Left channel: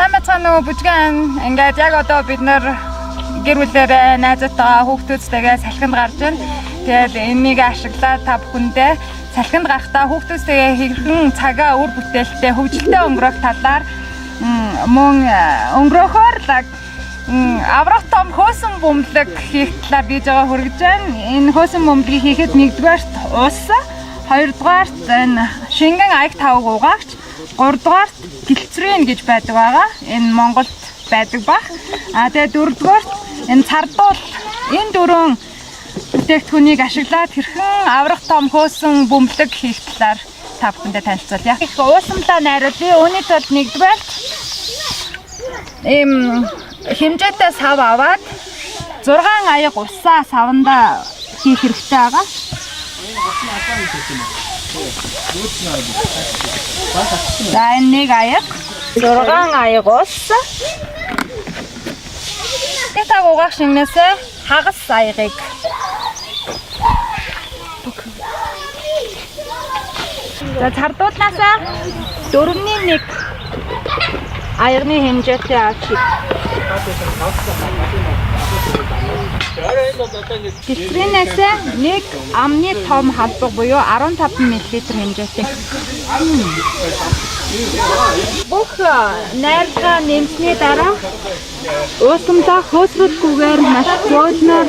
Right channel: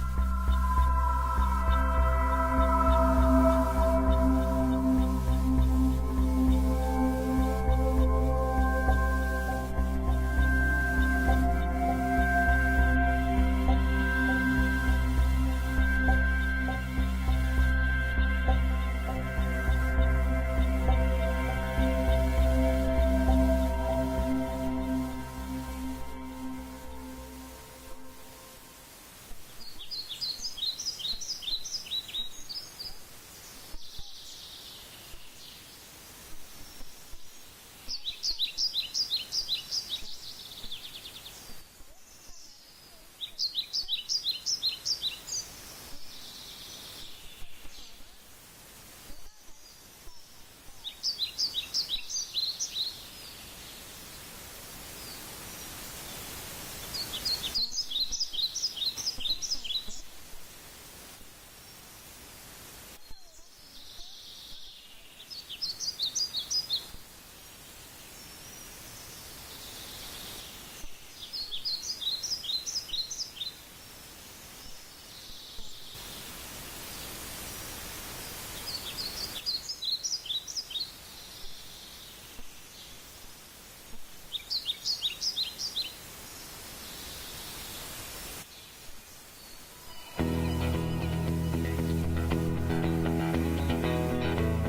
Сайн бацгаана уу бүжгэн. Ингээд яг одоо бид нэр гэр бүлээрээ найзтайгаа хүүхдүүдтэйгээ салхинд гарч байна. Тэгээд энийг ашиглаад та бүхэндээ салхинд гарахдаа хүүхдүүдтэйгээ хэрхэн цагаа үр бүтээлтэй хөгжилтэй өнгөрөх талаар мөн өнгөрөхөөр аврах том хөөсөн бөмбөлөг хийх талаар бийж байгаа хүргэж байна. Энэ хөөсөн бөмбөлгийг хийхэд нэгдүгээрт ус, хоёрдугаарт энэ шингэн аяг тавг угаагч, гуравдугаарт гэлцрийн гэж байдаг байгаа. Энэ Монголд байдаг баг. Тэгээд дөрөвдүгээрт энэ цардуул. Энэ дөрвөн бүтээгдэхүүнийг ашиглаад хэрхэн аврах том хөөсөн бөмбөлөг хийх талаар та бүхэндээ танилцуулъя. Их уусамлаа найруулъя. Үүний тулд нэгдүгээрт хэмжээтэй сав аваад 6 аяг усаа саванда хийх хэрэгтэй байгаа. За энэ нэг аяг 6 аяг ус. Тэт угаах шиннээсээ хагас аягыг за цардуулнаасаа 4/1 аягны хэмжээтэй авч гэлцрийнээс нэг амны том халбаг буюу 15 мл хэмжээтэй. Бүх найрга нэмсний дараа уусамдаа хөөсрөлгүйгээр маш зөөлнөр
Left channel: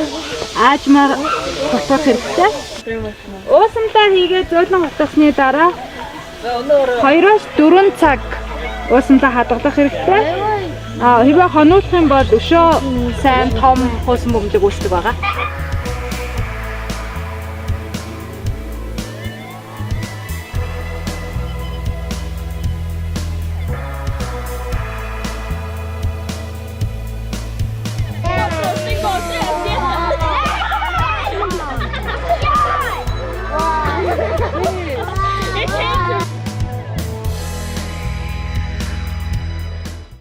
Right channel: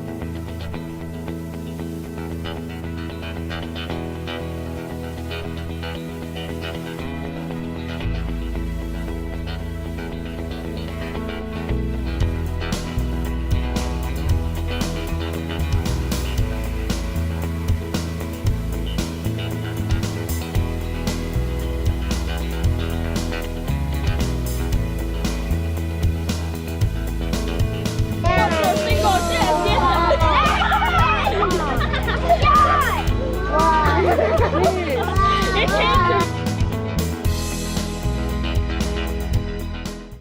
аажмаар тусах хэрэгтэй. Уусамдаа хийгээд зөөлөн утасны дараа 2-4 цаг уусамдаа хадгалах хэрэгтэй. Хэвээ хонуулах юм бол өшөө сайн том хөөсөн бөмбөлөг үүсдэг байгаа.